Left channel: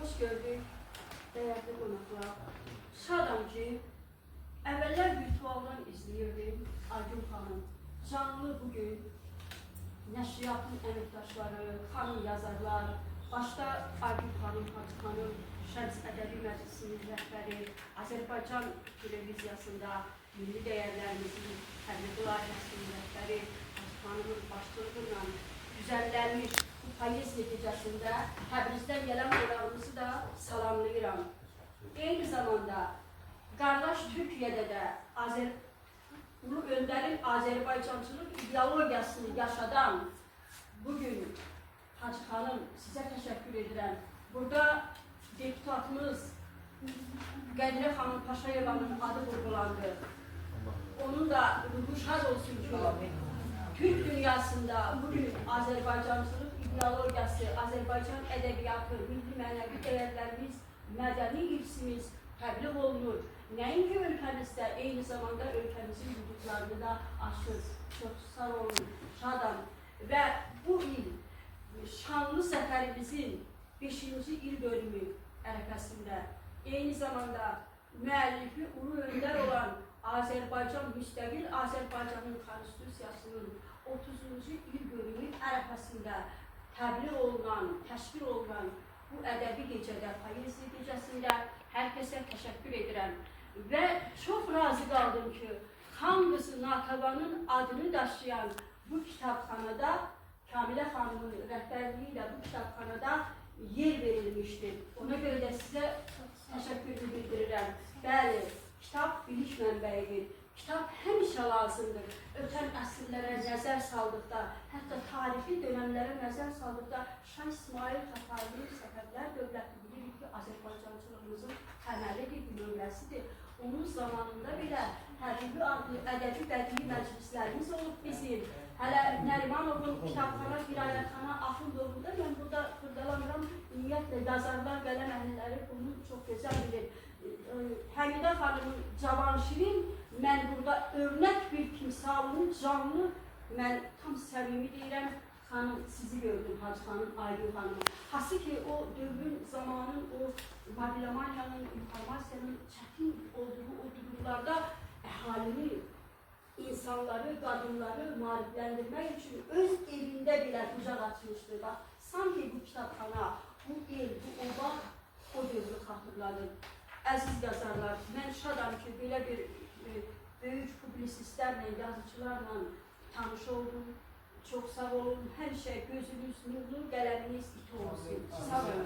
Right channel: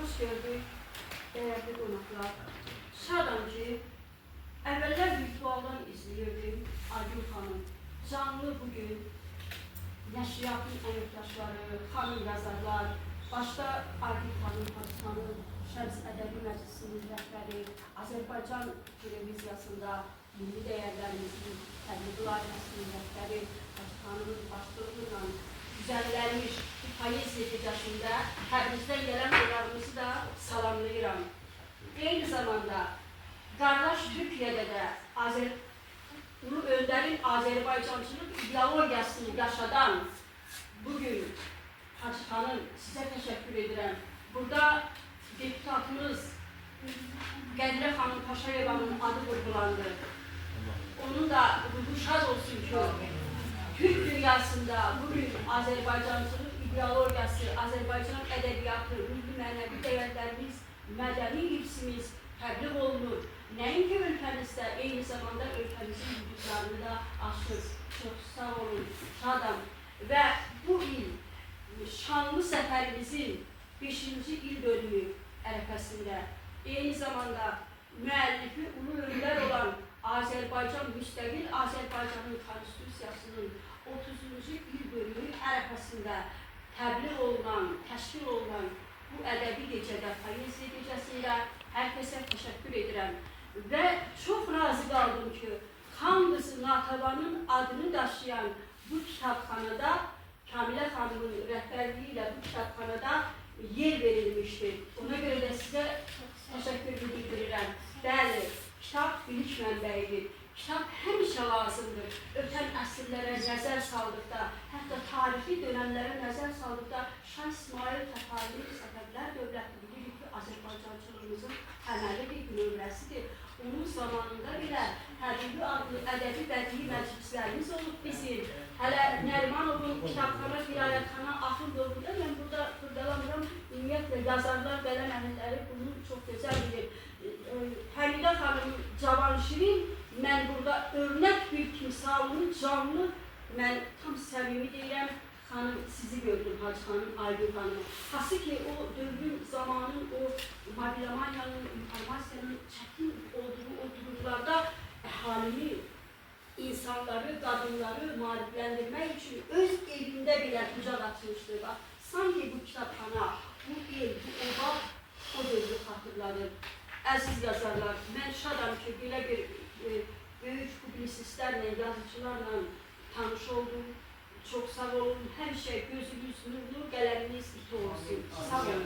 Hoş gördük, değerli qonaqlar. Şadam ki, əvvəllər virtualdan izləyirdim Aygün xanım. Canlı bugün nəşriyyatın əməkdaşları, xanım yazarlar, başda Aygün xanım, Hacı xanım, Şəms Ədəbi Məclisinin rəhbəri, Azərbaycan televiziyasında milli dəyərlərimizin təbliğ layihəsinin rəhbəri, Hacı xanımın başçılığı ilə düzənlənmiş poeziya gecəsində Təbrizdən gələn qonağımızı da salamlayıram. Eyni zamanda qardaş Türkiyədə də Ulu Öndərin Azərbaycançılıq ideologiyasını yaşadan bugün Hacı xanım sizə təşəkkür edirəm. Burada deputatımız Qədirə xanım Paşayevanın adı vurgulandı. Onun da ruhu şad olsun ki, Türk dünyasında bugün Azərbaycançılıq ideologiyası, Azərbaycan ədəbiyyatı, milli mənəvi dəyərlərimiz, mədəni irsimiz təbliğ olunur. Nəinki ölkəmizdə, eyni zamanda ölkəmizin hüdudlarını da aşır. Çox sağ olun, şadam. Və bu il şanlı səfərimizin 5-ci il dönümü ərəfəsində, eyni zamanda müəllifi ulu öndər olan Azərbaycan müstəqil Azərbaycanın konstitusiyasının 30-cu il dönümü ərəfəsində təbliğ olunan, təşkil olunan bu ədəbi gecədə, poeziya gecəsi ilə hər kəsə təşəkkür edirəm. Və çox razı qaldım ki, Xan qızı Natəvanın adını daşıyan bu kitabxanada, Kamilə xanımın rəhbərliyi ilə bu kitabxanada yer verilmişdir. Ona görə də sizə təşəkkür bildirirəm. Bəli, kitab bilik mənbəyidir. Kitab həmişə lazımdır. Ötən əsrlərə nəzər saldıqda, hətta tarixi dönəmlərə nəzər saldıqda Şah İsmail Tətarinin Səfəvlər dövləti bilirik ki, Azərbaycançılığımızın təməli bir nömrəsidir. Onun zamanında belə Həbibi adlı ədəbi bədii məclislərimiz olub bizim. Hələ Nərimanovun kitabxana, qiraətxana Axundoğlu'da mən burada xırdalamıram. Ümumiyyətlə, yazarlar, qələm əhliləri bunu çox gözəl bilir. Həmidə xanım Cavanşirin mən burada örnək bir timsalını canlı, mən tam səmimi deyirəm, xanım sizi gördüm, Hacı xanım, Aygün xanım. Hası ki, o dövrün, zamanın, o mobilomaniyanın, informasiyanın çətin olduğu o durumlarda əhalini, insanları, qadınları maarifləndirmək üçün öz evində belə bucaq açmışdır. Sanki bu kitabxana, bu el, bu oba o dövrü xatırladır. Əziz yazarlar, mən şadam ki, belə bir böyük publisistlərlə, yazıcılarla tanış oldum. Çox sağ olun, həmişə gözünüz nurlu, qələminiz iti olsun. Sağ olun.